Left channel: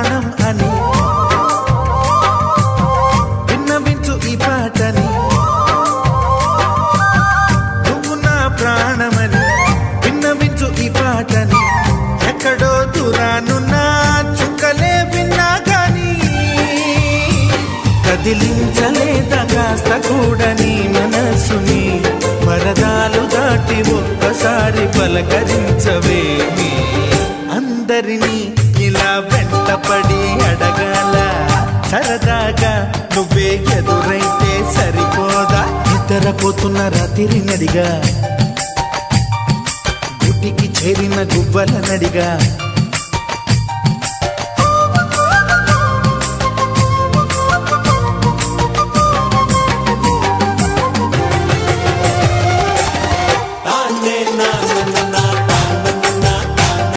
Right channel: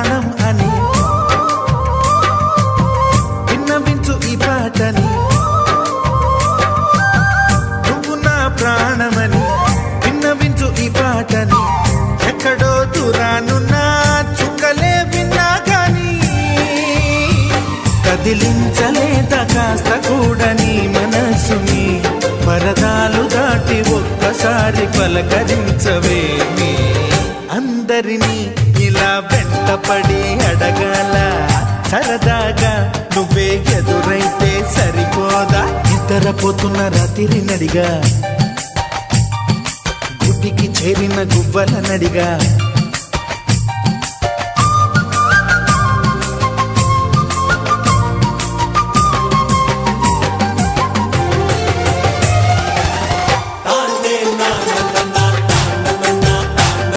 ప్రాణం అని విన్నవించు ఈ పాటని. నువ్వు నా ప్రాణమని విన్నవించు ఈ పాటని. ఎక్కడో దూరానున్నా చుక్కలే విన్నా గాని కదిలించలేదా కాస్త కూడా నీ మనసుని. పరదాలు దాటి ఒక్కసారి పలకరించవేమి. అందరినీ ఇలా వెంటపడి అడగాల సరదాగా నువ్వే ఎదురైతే సరిపోదా. నిద్రపోతున్న రాత్రి నడిగా గుటికి చేరిన గువ్వల నడిగా